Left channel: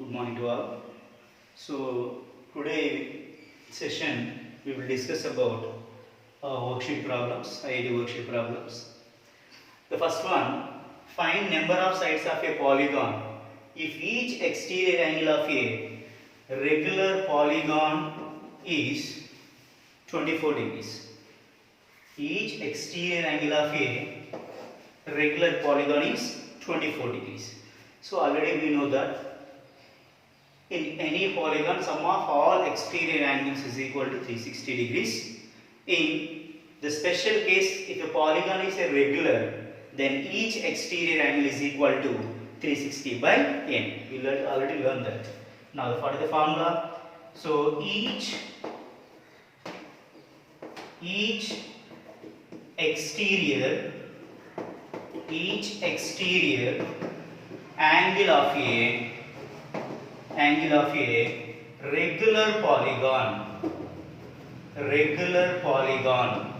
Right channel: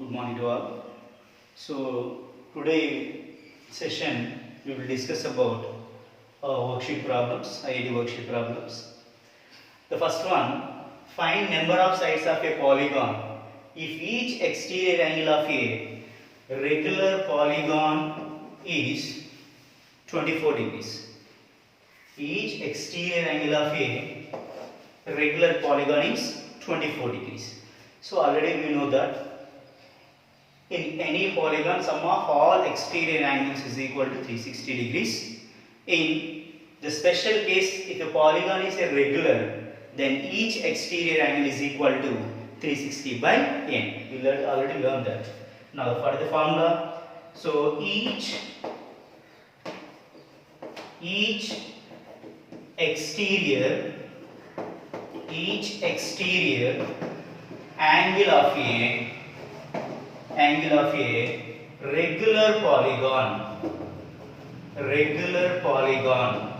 Good morning to all. So today session we will discuss about worksheet problems, IIT worksheet problems. The first one, find number of sides of a polygon if each exterior angle of a regular polygon is 24 degrees. Each exterior angle of a regular polygon is 24 degrees. So already we know that in any polygon, sum of all exterior angles is equal to 360 degrees. In the special case, if a polygon is a regular, then each exterior angle is equal to 360 by n. You already learned that. Now, what is the formula? So, each exterior angle of a regular polygon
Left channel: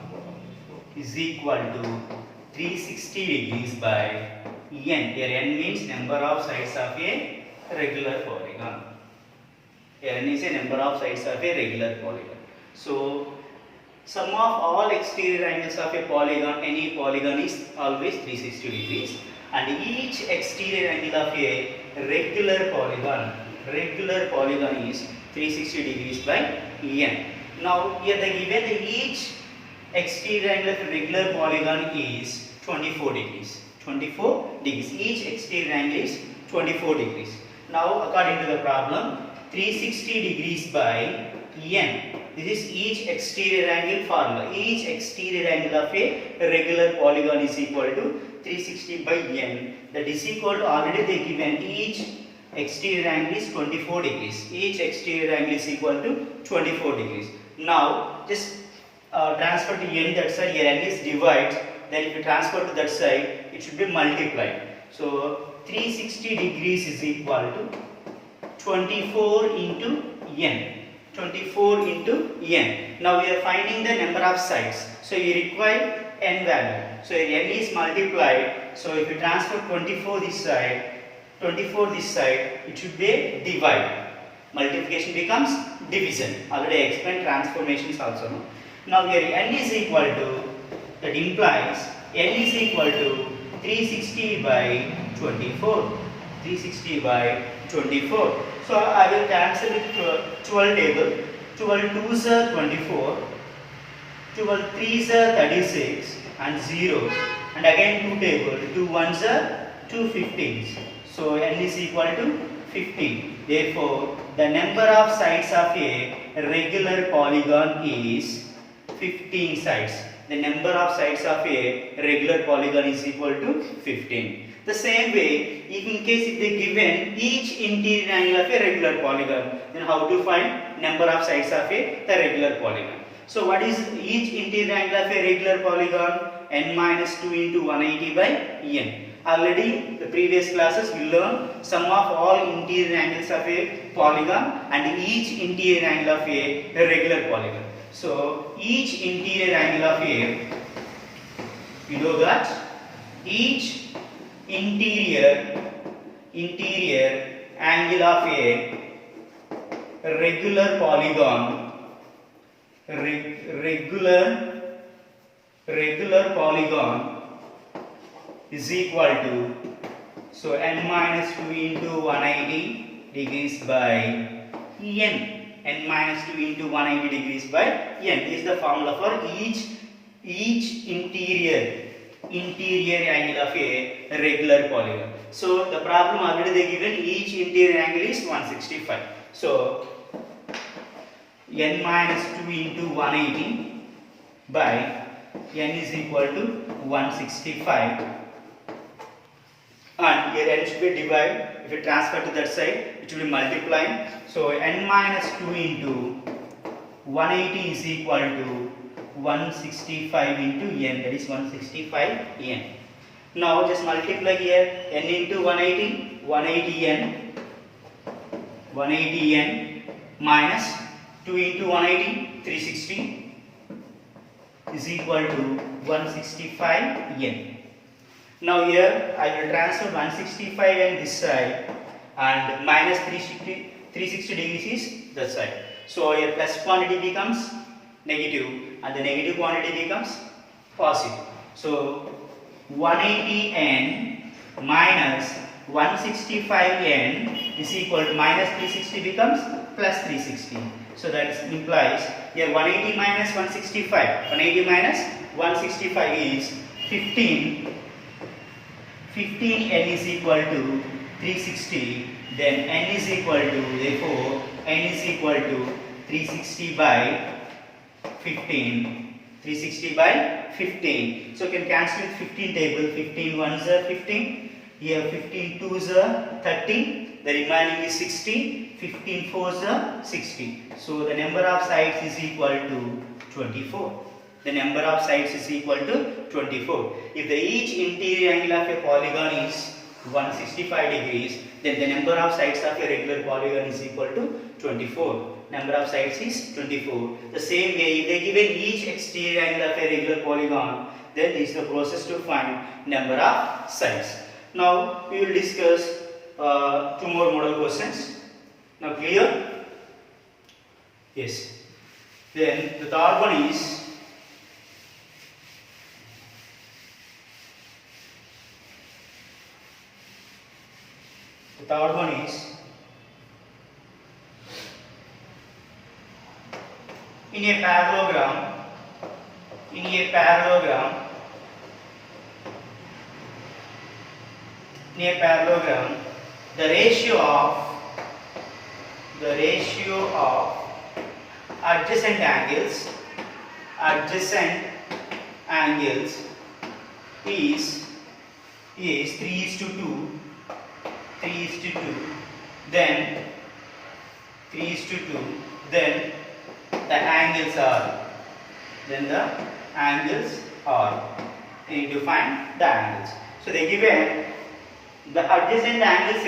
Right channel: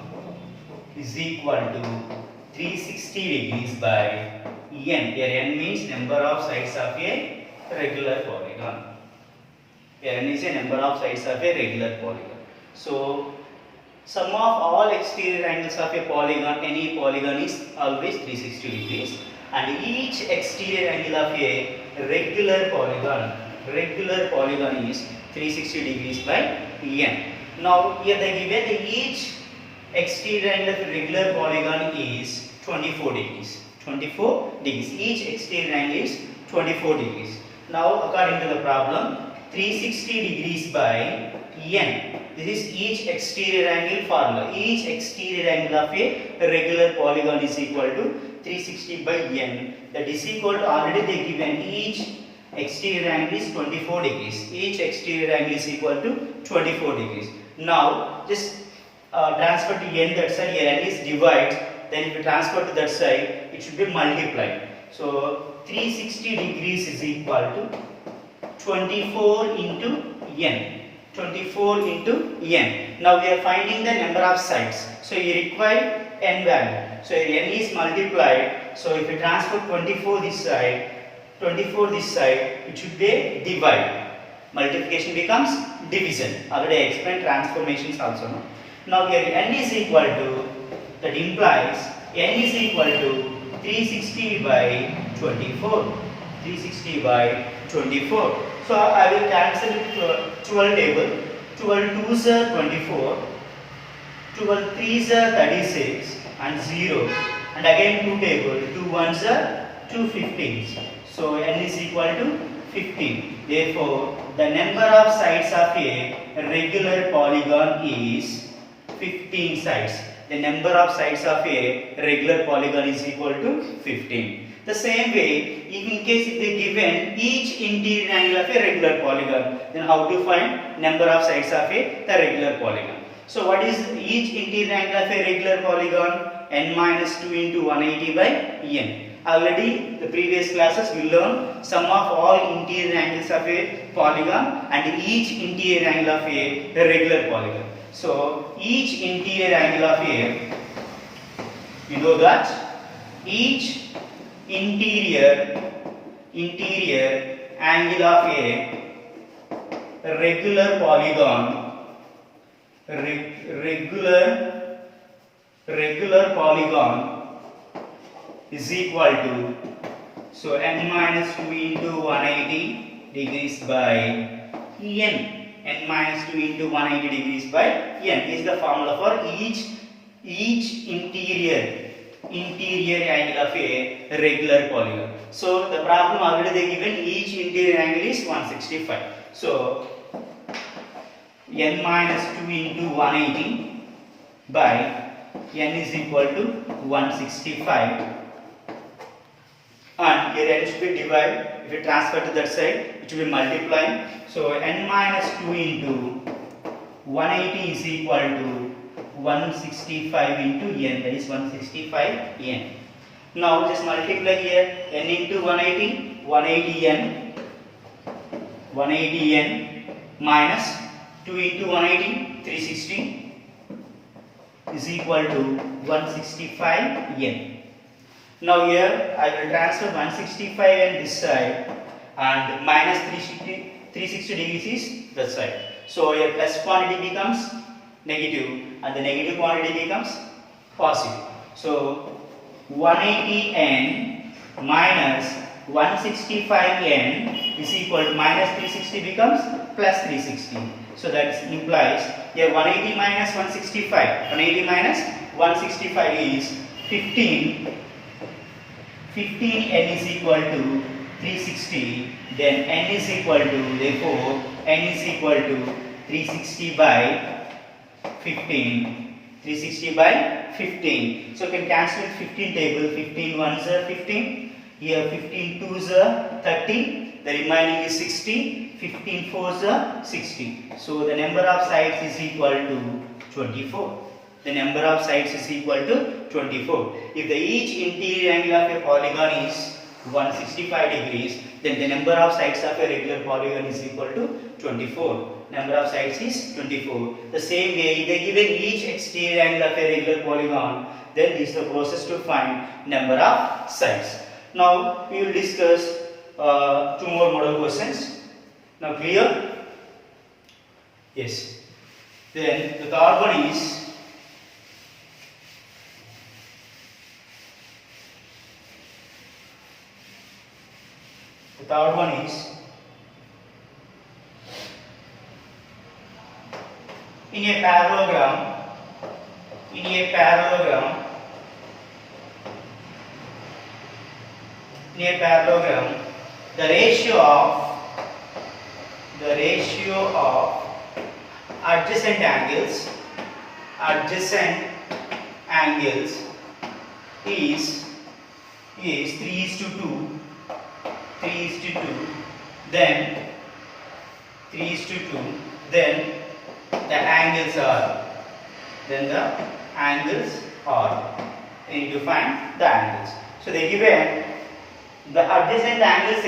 is equal to 360 degrees by n. Here n means number of sides of a regular polygon. Here n is a number of sides of a regular polygon. So sum of all exterior angles of a polygon, any polygon, is always 360 degrees, and each exterior angle of a regular polygon is 360 degrees by n. Now here they given the each exterior angle of a regular polygon is 24 degrees. 24 degrees. Each exterior angle is 24 degrees. Now according to the problem, 360 degrees by n. This is each exterior angle formula. Each exterior angle of a regular polygon is equal to 360 by n. That is equal to, already they given each exterior angle is 24 degrees. Each exterior angle is equal to 24 degrees. Now just transfer to n that side. Here n is divide. Then if you transfer to that side, it should be multiplied. So 360 degrees is equal to 24 into n. 24 into n. Now we are finding the number of sides. So you require n value. So n is multiplied. So if you transfer 24 this side, it should be divide. Multiplication becomes division. Already I explained transformations also. No? Now here n is equal to, that implies n is equal to 360 by 24. 360 by 24. So I will cancel it 12 table. 12 2s are 24. 12 3s are 36 and 0. And again 2 table. 2 1s are 2 15s. So n is equal to 15. Therefore, the number of sides of a regular polygon is 15 sides. The number of sides of a regular polygon is equal to 15. The same way, if in case if they given each interior angle of a regular polygon, then how to find number of sides of a regular polygon? So what is each interior angle of a regular polygon? N minus 2 into 180 by n. Already the previous classes we learned sum of all interior angles of a polygon and each interior angle of a regular polygon. So each interior angle of a, you know that each interior angle of a regular polygon is equal to, so n minus 2 into 180 degrees by n. N minus 2 into 180 degrees by n is the formula for each interior angle of a regular polygon. So the problem already they given each interior angle is 165. So n minus 2 into 180 by n is equal to 165. And here n should be divided. If you transfer to that side, it will be multiplying. So n minus 2 into 180 is equal to 165 into n, that is 165 n. Now just multiply here n into 180, 180 n minus 2 into 180, 360 is equal to 165 n. Now here I will transfer 165 and this side. and minus 360 degrees is the side. So a plus quantity becomes negative and the negative quantity becomes positive. So 180n minus 165n is equal to minus 360 becomes plus 360. So that implies here 180 minus 165. 180 minus 165 is 15. 15n is equal to 360. Then n is equal to, therefore n is equal to 360 by 15. 360 by 15. So you can cancel with 15 table. 15 ones are 15. Here 15 twos are 30. The remaining is 60. 15 fours are 60. So the number of sides is equal to 24. The number of sides is equal to 24. If the each interior angle of a polygon is 165 degrees, then the number of sides of a regular polygon is equal to 24. Number of sides is 24. The same way, if they given each exterior angle of a regular polygon, then this is the process to find number of sides. Now we will discuss two more model questions. Now clear? Yes. Then the third one is in a parallelogram, the ratio of adjacent angles is 3:2. Then the angles are. You need to find the angles. So they given the adjacent angles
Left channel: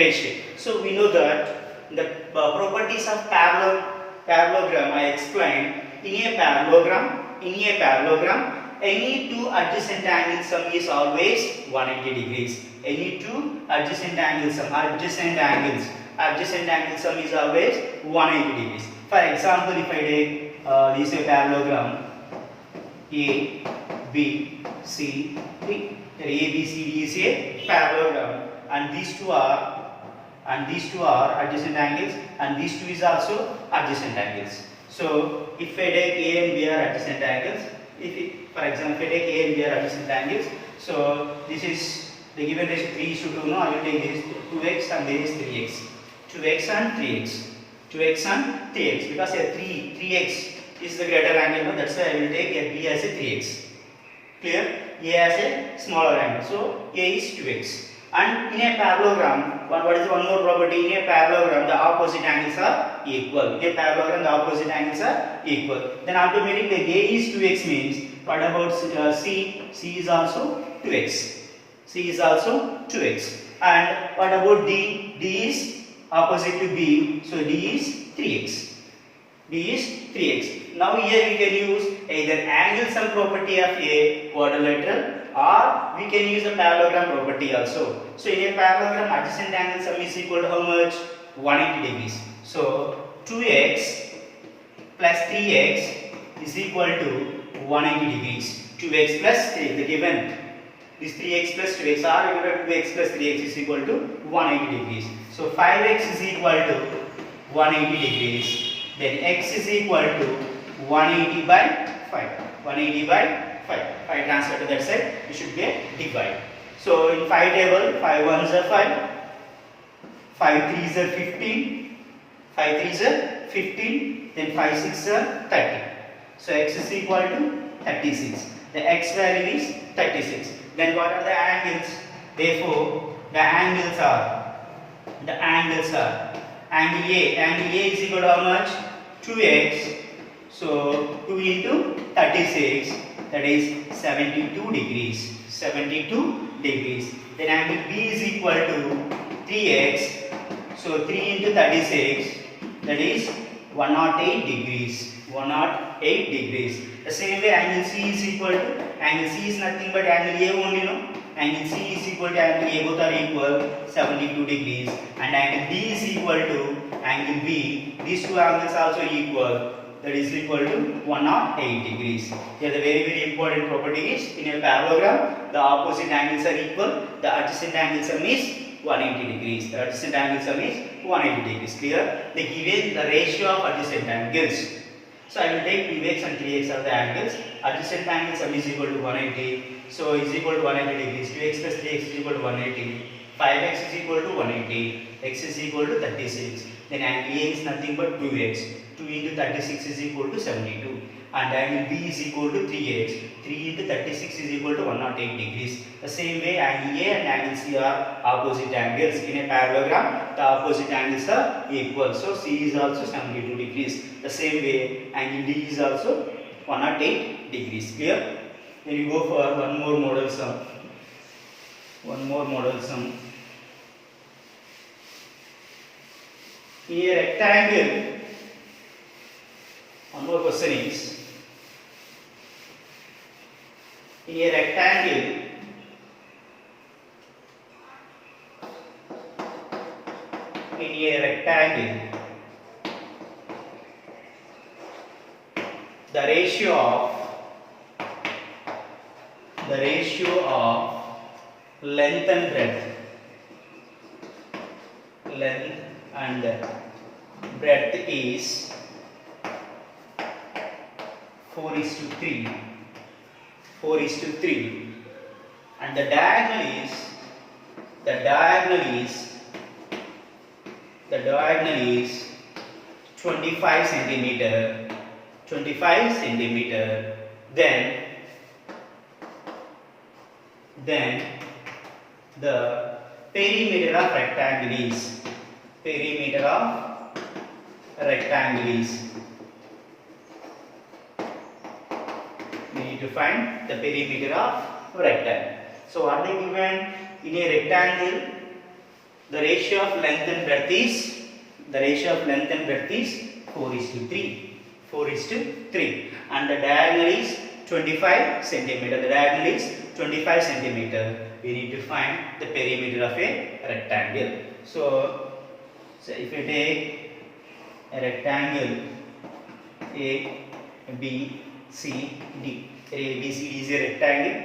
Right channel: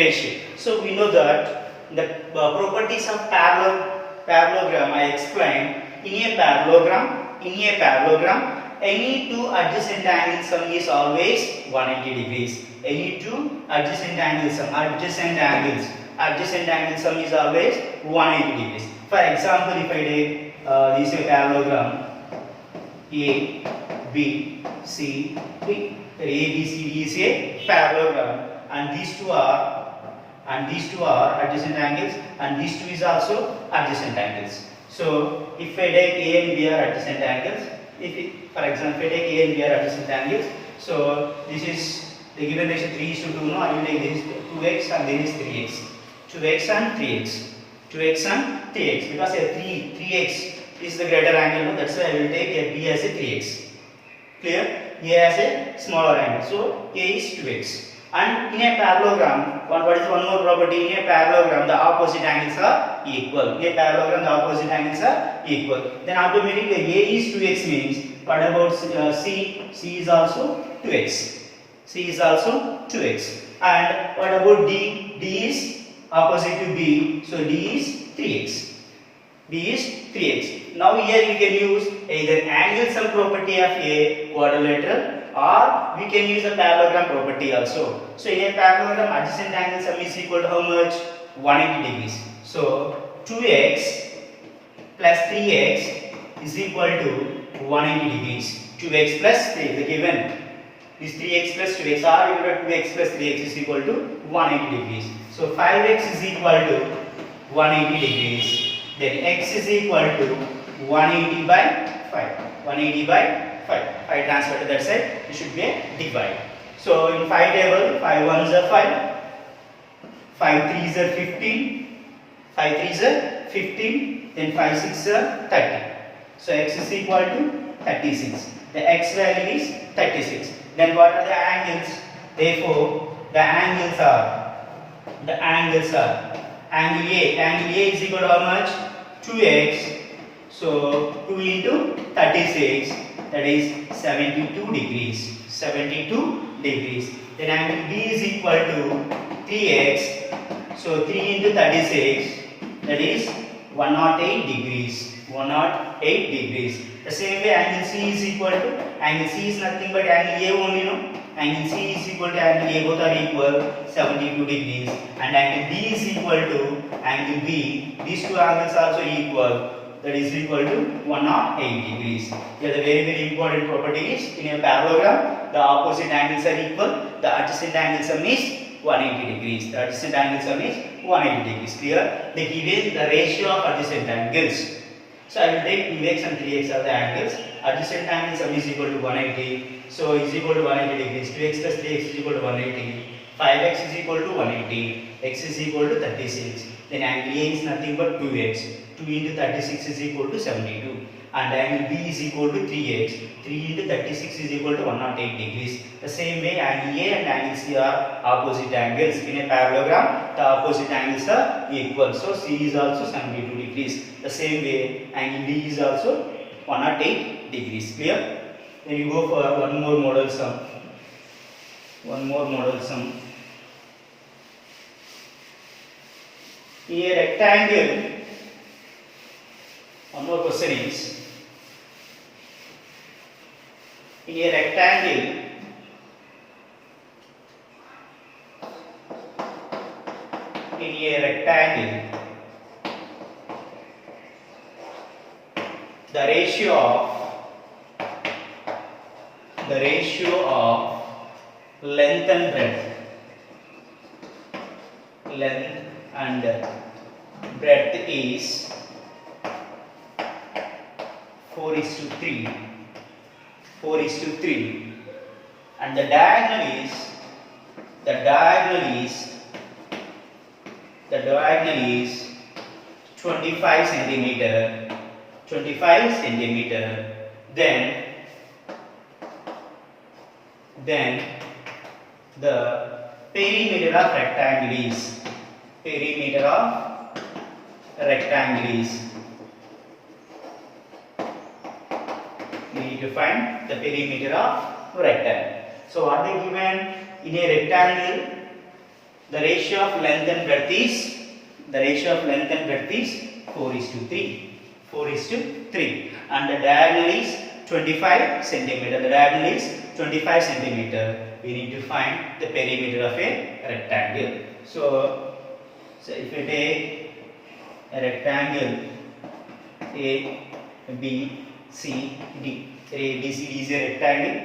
ratio. So we know that the properties of parallelogram I explained. In a parallelogram, any two adjacent angles sum is always 180 degrees. Any two adjacent angles sum is always 180 degrees. For example, if I take this is a parallelogram A, B, C, D. The A, B, C, D is a parallelogram, and these two are adjacent angles, and these two is also adjacent angles. So if I take A and B are adjacent angles, for example, if I take A and B are adjacent angles, so this is the given ratio 3:2. No, I will take this 2x and there is 3x. 2x and 3x because here 3x is the greater angle. No? That's why I will take B as a 3x. Clear? A as a smaller angle. So A is 2x. And in a parallelogram, what is one more property? In a parallelogram, the opposite angles are equal. In a parallelogram, the opposite angles are equal. Then automatically A is 2x means, what about C? C is also 2x. C is also 2x. And what about D? D is opposite to B. So D is 3x. D is 3x. Now here we can use either angle sum property of a quadrilateral, or we can use a parallelogram property also. So in a parallelogram, adjacent angle sum is equal to how much? 180 degrees. So 2x plus 3x is equal to 180 degrees. 2x plus 3, the given is 3x plus 2x, or 2x plus 3x is equal to 180 degrees. So 5x is equal to 180 degrees. Then x is equal to 180 by 5. 180 by 5. 5 transfer to that side, it should be a divide. So in 5 table, 5 ones are 5. 5 threes are 15. 5 threes are 15. Then 5 six are 30. So x is equal to 36. The x value is 36. Then what are the angles? Therefore, the angles are angle A is equal to how much? 2x. So 2 into 36, that is 72 degrees. 72 degrees. Then angle B is equal to 3x. So 3 into 36, that is 108 degrees. 108 degrees. The same way angle C is equal to, angle C is nothing but angle A only, no? angle C is equal to angle A, both are equal, 72 degrees, and angle B is equal to angle B. These two angles also equal, that is equal to 108 degrees. Here the very important property is, in a parallelogram, the opposite angles are equal, the adjacent angle sum is 180 degrees. The adjacent angle sum is 180 degrees. Clear? They given the ratio of adjacent angles. So I will take 2x and 3x are the angles. Adjacent angle sum is equal to 180. So is equal to 180 degrees. 2x plus 3x is equal to 180. 5x is equal to 180. X is equal to 36. Then angle A is nothing but 2x. 2 into 36 is equal to 72. And angle B is equal to 3x. 3 into 36 is equal to 108 degrees. The same way angle A and angle C are opposite angles. In a parallelogram, the opposite angles are equal. So C is also 72 degrees. The same way angle D is also 108 degrees. Clear? Then you go for one more model sum. One more model sum. In a rectangle, one more question is, in a rectangle, the ratio of length and breadth is 4:3, and the diagonal is 25 centimeter. Then the perimeter of rectangle is we need to find the perimeter of rectangle. So what they given in a rectangle, the ratio of length and breadth is 4:3, and the diagonal is 25 centimeter. We need to find the perimeter of a rectangle. So if you take a rectangle A, B, C, D. A, B, C, D is a rectangle.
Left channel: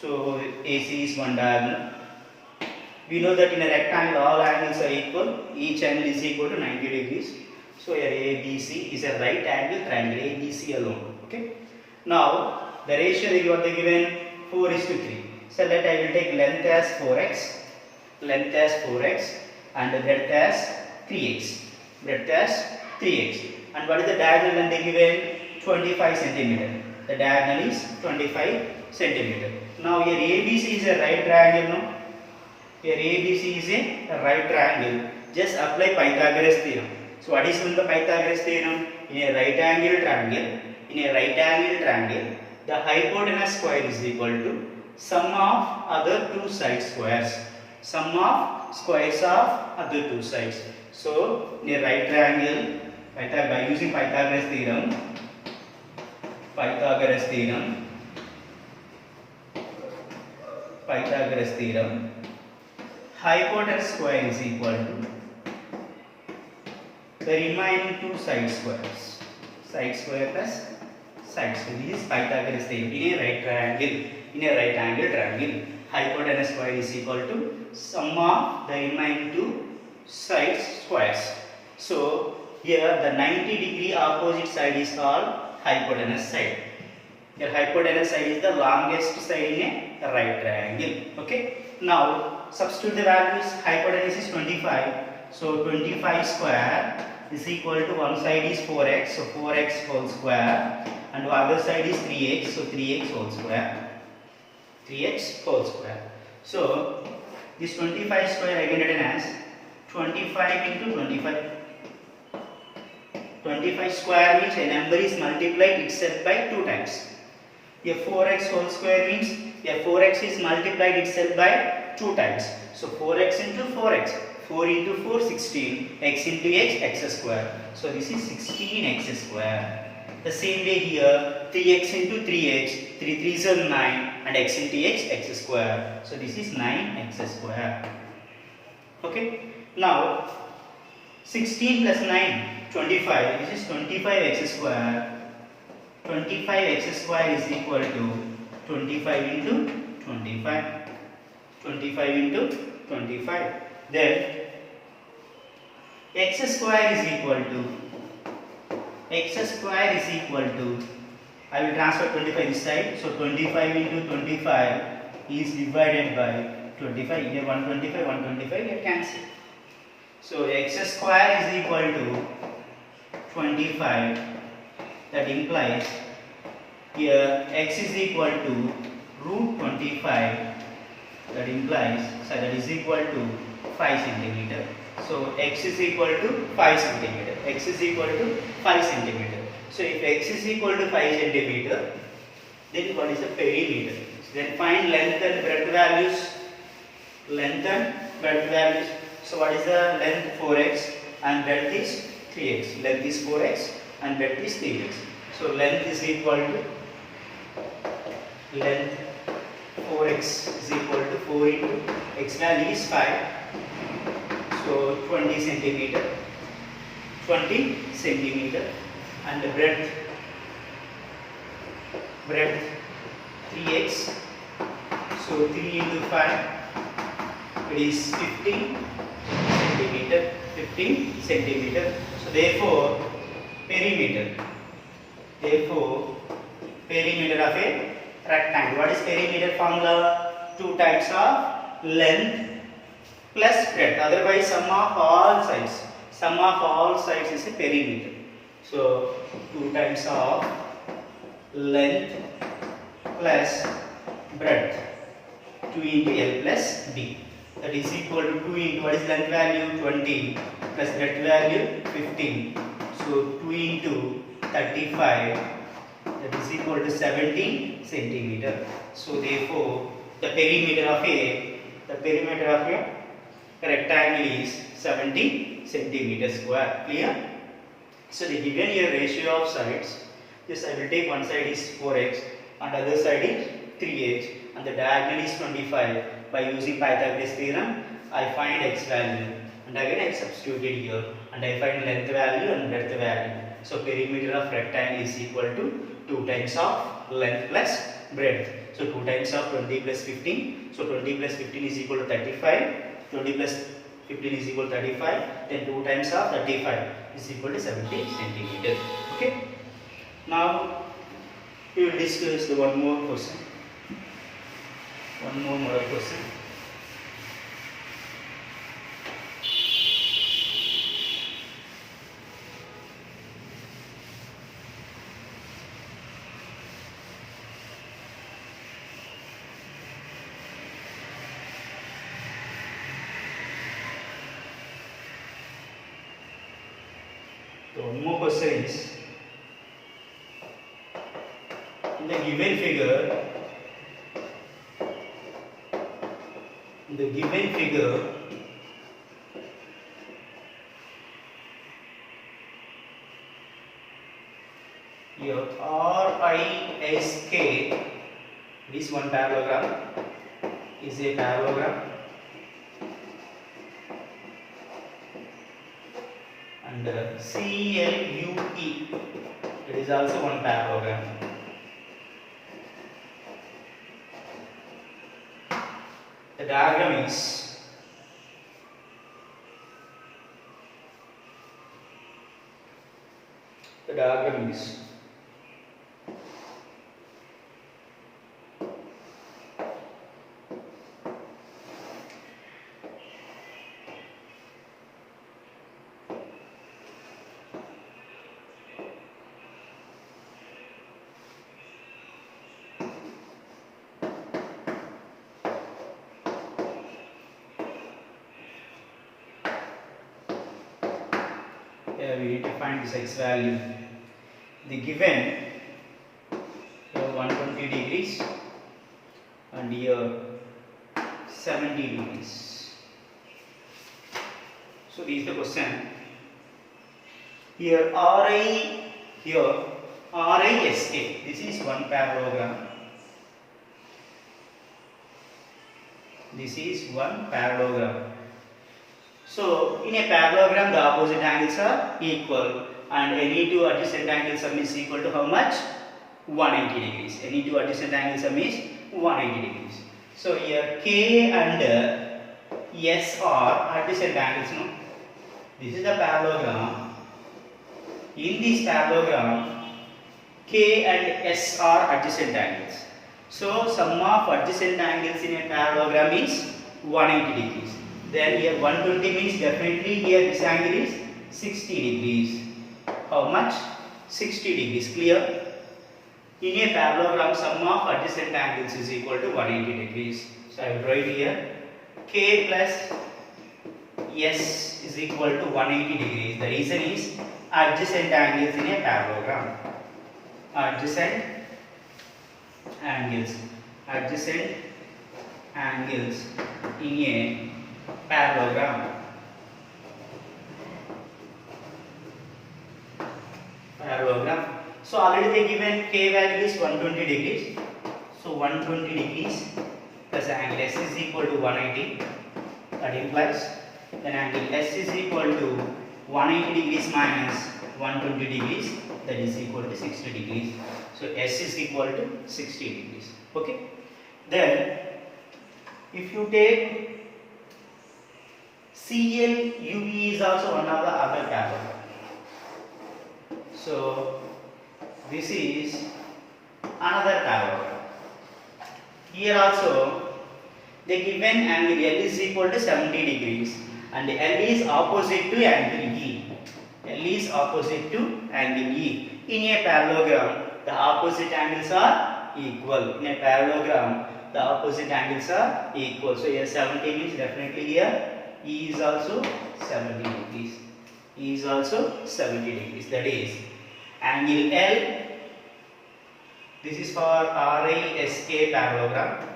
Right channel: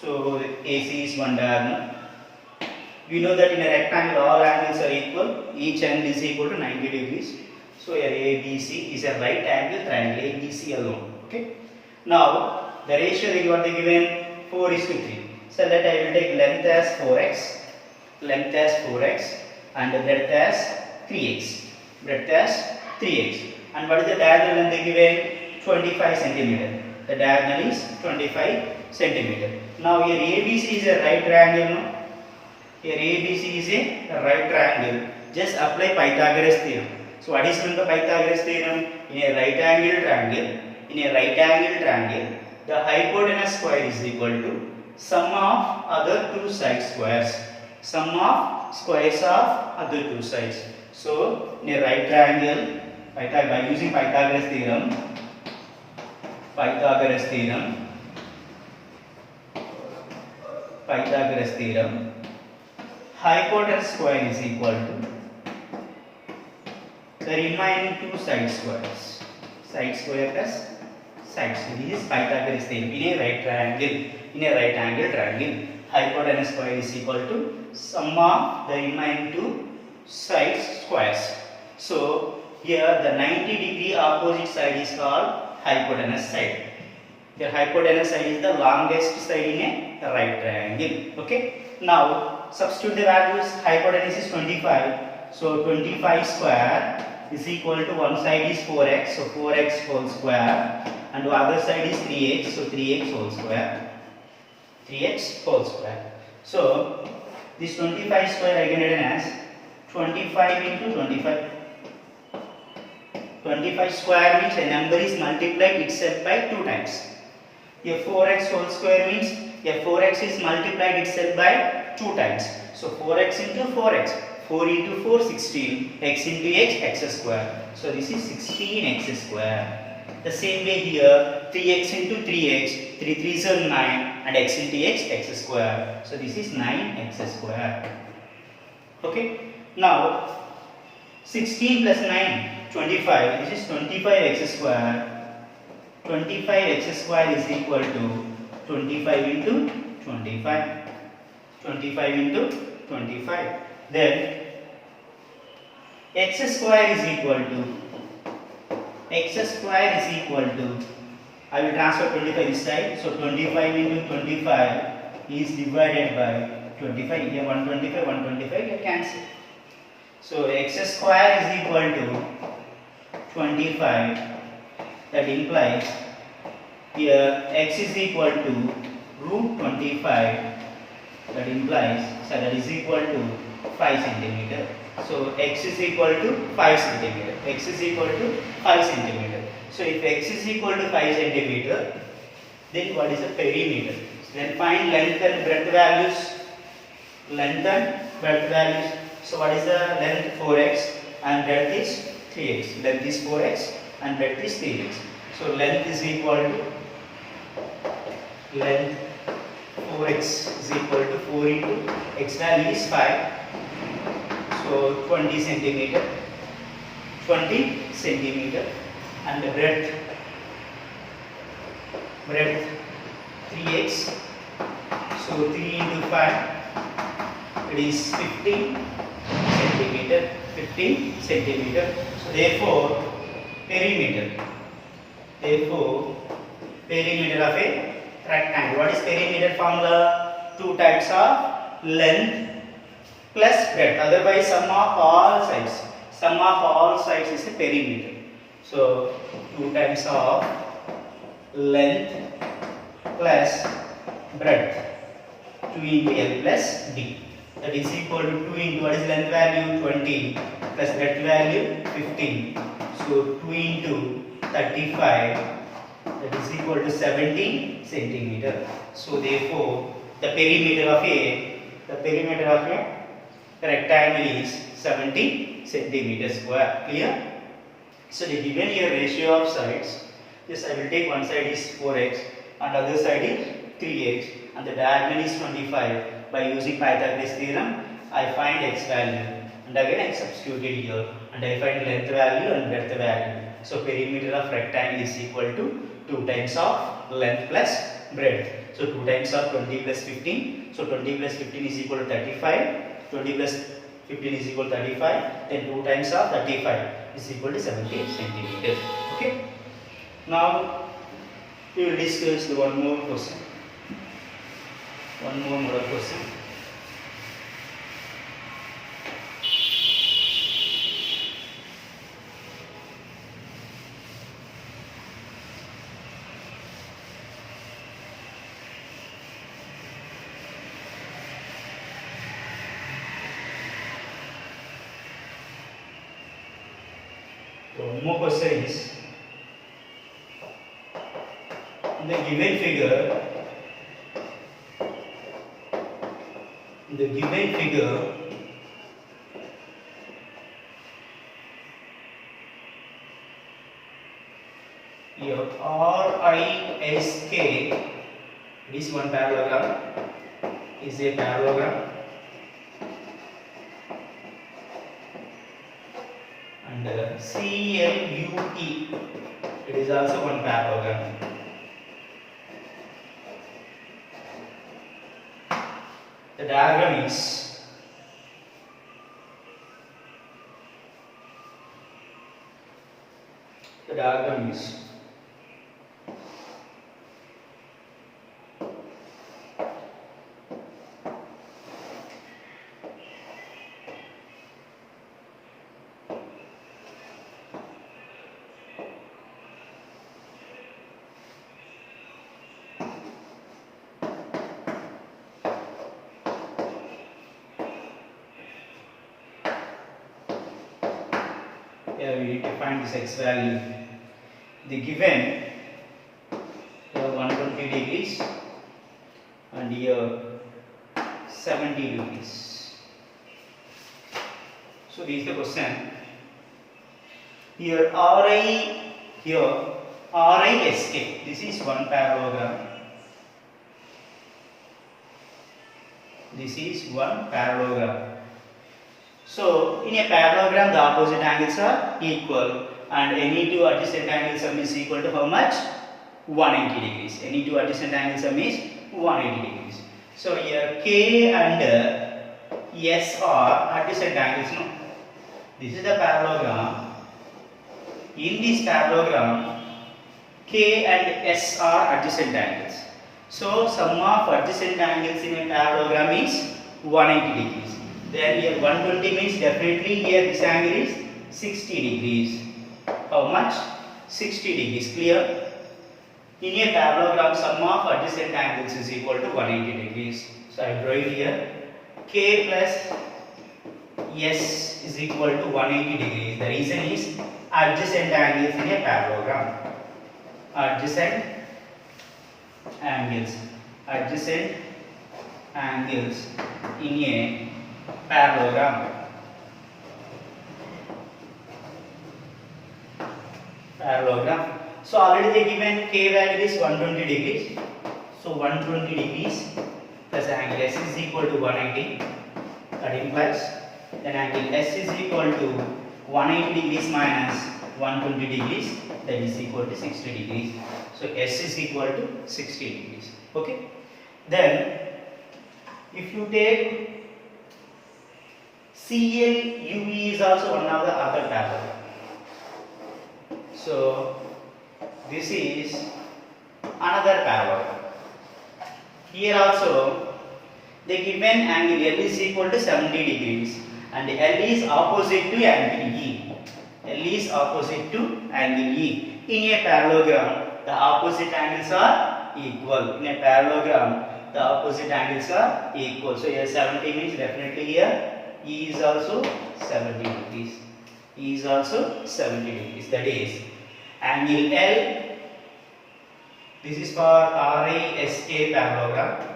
So AC is one diagonal. We know that in a rectangle all angles are equal. Each angle is equal to 90 degrees. So here ABC is a right angle triangle, ABC alone. Okay. Now the ratio they given 4:3. So that I will take length as 4x, and the breadth as 3x. And what is the diagonal length they given? 25 centimeter. The diagonal is 25 centimeter. Now here ABC is a right triangle. No? Here ABC is a right triangle. Just apply Pythagoras theorem. So what is the Pythagoras theorem? In a right angle triangle, the hypotenuse square is equal to sum of other two side squares. Sum of squares of other two sides. So in a right triangle, by using Pythagoras theorem, hypotenuse square is equal to the remaining two side squares. Side square plus side square. This is Pythagoras theorem in a right angle triangle. Hypotenuse square is equal to sum of the remaining two side squares. So here the 90 degree opposite side is called hypotenuse side. The hypotenuse side is the longest side in a right triangle. Okay. Now substitute the values. Hypotenuse is 25. So 25 square is equal to one side is 4x. So 4x whole square, and the other side is 3x. So 3x whole square. So this 25 square I can written as 25 into 25. 25 square means a number is multiplied itself by 2 times. Here 4x whole square means here 4x is multiplied itself by 2 times. So 4x into 4x. 4 into 4, 16. X into x, x square. So this is 16x square. The same way here, 3x into 3x, 3 3s are 9 and x into x square. So this is 9x square. Okay. Now 16 plus 9, 25. This is 25x square. 25x square is equal to 25 into 25. 25 into 25. Then x square is equal to I will transfer 25 this side. So 25 into 25 is divided by 25. Here 125, 125 get cancelled. So x square is equal to 25. That implies here x is equal to root 25. That implies that is equal to 5 centimeter. So x is equal to 5 centimeter. X is equal to 5 centimeter. So if x is equal to 5 centimeter, then what is the perimeter? So then find length and breadth values. Length and breadth values. So what is the length? 4x and breadth is 3x. Length is 4x and breadth is 3x. So length is equal to 4x is equal to 4 into x value is 5. So 20 centimeter. And the breadth 3x. So 3 into 5 it is 15 centimeter. So therefore perimeter of a rectangle. What is perimeter formula? 2 times of length plus breadth. Otherwise sum of all sides is a perimeter. So 2 times of length plus breadth, 2 into L plus D. That is equal to 2 into what is length value? 20 plus breadth value 15. So 2 into 35, that is equal to 70 centimeter. So therefore the perimeter of a rectangle is 70 centimeter square. Clear? So the given here ratio of sides, this I will take one side is 4x and other side is 3x and the diagonal is 25. By using Pythagoras theorem, I find x value and again I substitute it here and I find length value and breadth value. So perimeter of rectangle is equal to 2 times of length plus breadth. So 2 times of 20 plus 15. So 20 plus 15 is equal to 35. 20 plus 15 is equal to 35. Then 2 times of 35 is equal to 70 centimeter. Okay. Now we will discuss the one more question. One more model question. So one more question is, in the given figure, here RISK is one parallelogram, is a parallelogram, and CLUE, it is also one parallelogram. The diagram is here we need to find this x value. The given here 120 degrees and here 70 degrees. So this is the question. Here RI here RISK. This is one parallelogram. This is one parallelogram. So in a parallelogram, the opposite angles are equal, and any two adjacent angle sum is equal to how much? 180 degrees. Any two adjacent angle sum is 180 degrees. So here K and S are adjacent angles. No? This is the parallelogram. In this parallelogram, K and S are adjacent angles. So sum of adjacent angles in a parallelogram is 180 degrees. Then here 120 means definitely here this angle is 60 degrees. How much? 60 degrees. Clear? In a parallelogram, sum of adjacent angles is equal to 180 degrees. So I write here K plus S is equal to 180 degrees. The reason is adjacent angles in a parallelogram. Adjacent angles in a parallelogram. So already they given K value is 120 degrees. So 120 degrees plus angle S is equal to 180. That implies then angle S is equal to 180 degrees minus 120 degrees, that is equal to 60 degrees. So S is equal to 60 degrees. Okay. Then if you take CLUE is also one of the other parallelogram. So this is another parallelogram. Here also they given angle L is equal to 70 degrees and L is opposite to angle E. L is opposite to angle E. In a parallelogram, the opposite angles are equal. In a parallelogram, the opposite angles are equal. So here 70 means definitely here E is also 70 degrees. E is also 70 degrees. That is angle L. This is for RISK parallelogram.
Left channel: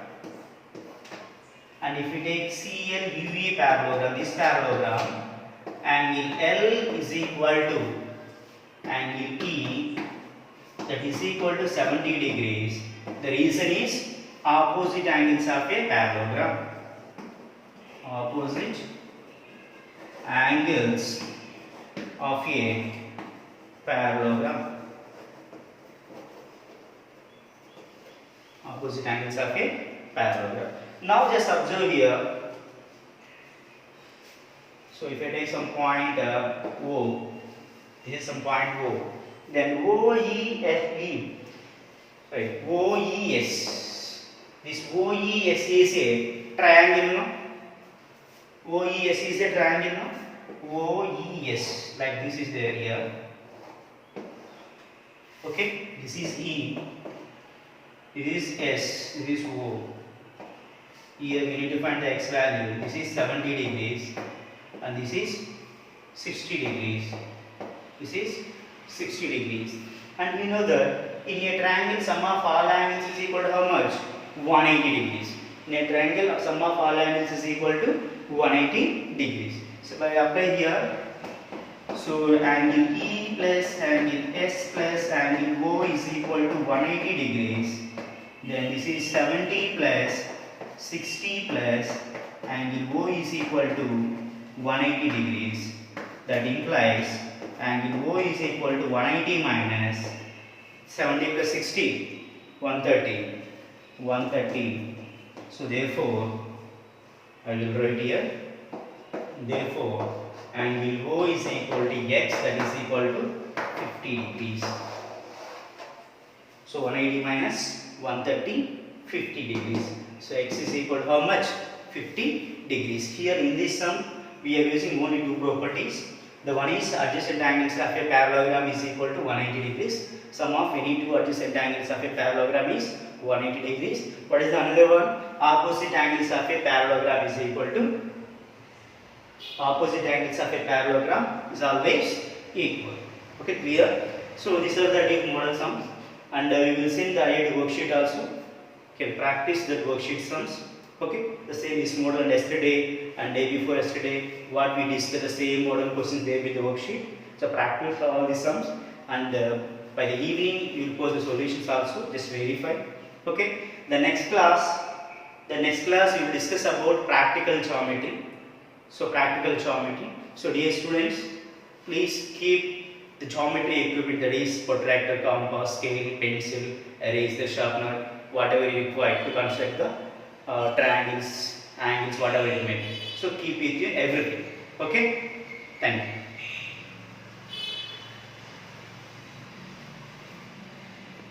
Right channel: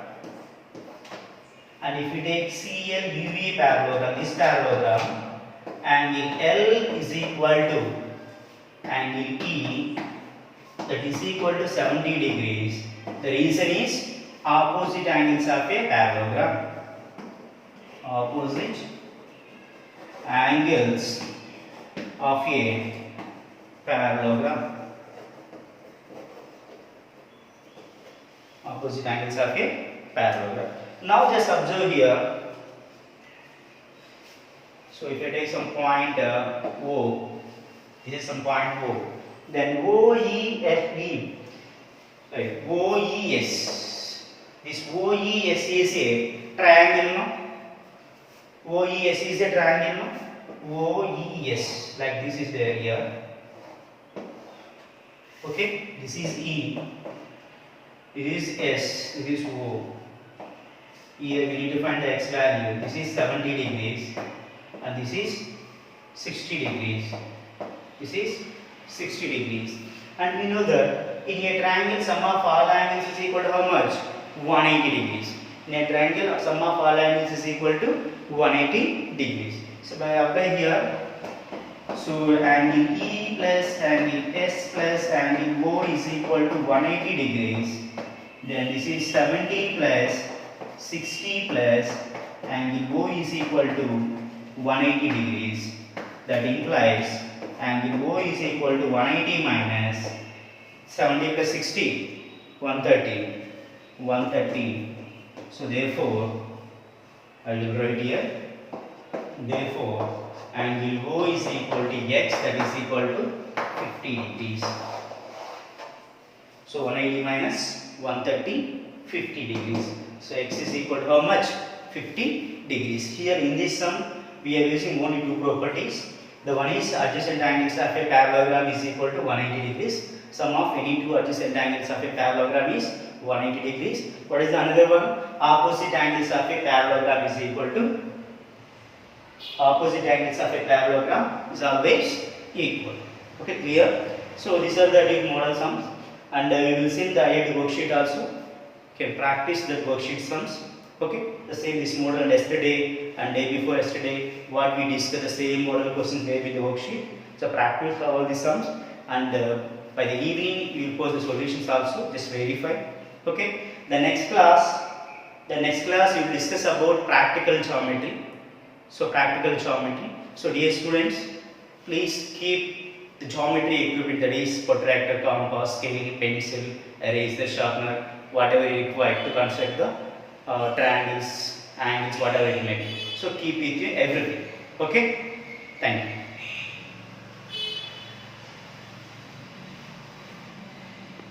And if we take CLUE parallelogram, this parallelogram, angle L is equal to angle E, that is equal to 70 degrees. The reason is opposite angles of a parallelogram. Opposite angles of a parallelogram. Opposite angles of a parallelogram. Now just observe here. So if I take some point O, this is some point O, then OEFE, right, OES. This OES is a triangle, no? OES is a triangle, no? OES, like this is there here. Okay, this is E, this is S, this is O. Here we need to find the x value. This is 70 degrees and this is 60 degrees. This is 60 degrees. And we know that in a triangle sum of all angles is equal to how much? 180 degrees. In a triangle sum of all angles is equal to 180 degrees. So by applying here, so angle E plus angle S plus angle O is equal to 180 degrees. Then this is 70 plus 60 plus angle O is equal to 180 degrees. That implies angle O is equal to 180 minus 70 plus 60, 130. 130. So therefore, I will write here. Therefore, angle O is equal to x, that is equal to 50 degrees. So 180 minus 130, 50 degrees. So x is equal to how much? 50 degrees. Here in this sum, we are using only two properties. The one is adjacent angles of a parallelogram is equal to 180 degrees. Sum of any two adjacent angles of a parallelogram is 180 degrees. What is the another one? Opposite angles of a parallelogram is equal to, opposite angles of a parallelogram is always equal. Okay, clear? So these are the deep model sums, and you will see the IIT worksheet also. Okay, practice the worksheet sums. Okay, the same is model yesterday and day before yesterday. What we discussed, the same model questions there with the worksheet. So practice all the sums, and By the evening, you will post the solutions also. Just verify. Okay. The next class you will discuss about practical geometry. So practical geometry. So dear students, please keep the geometry equipment, that is protractor, compass, scale, pencil, eraser, sharpener, whatever you require to construct the triangles, angles, whatever it may be. So keep it in everything. Okay. Thank you.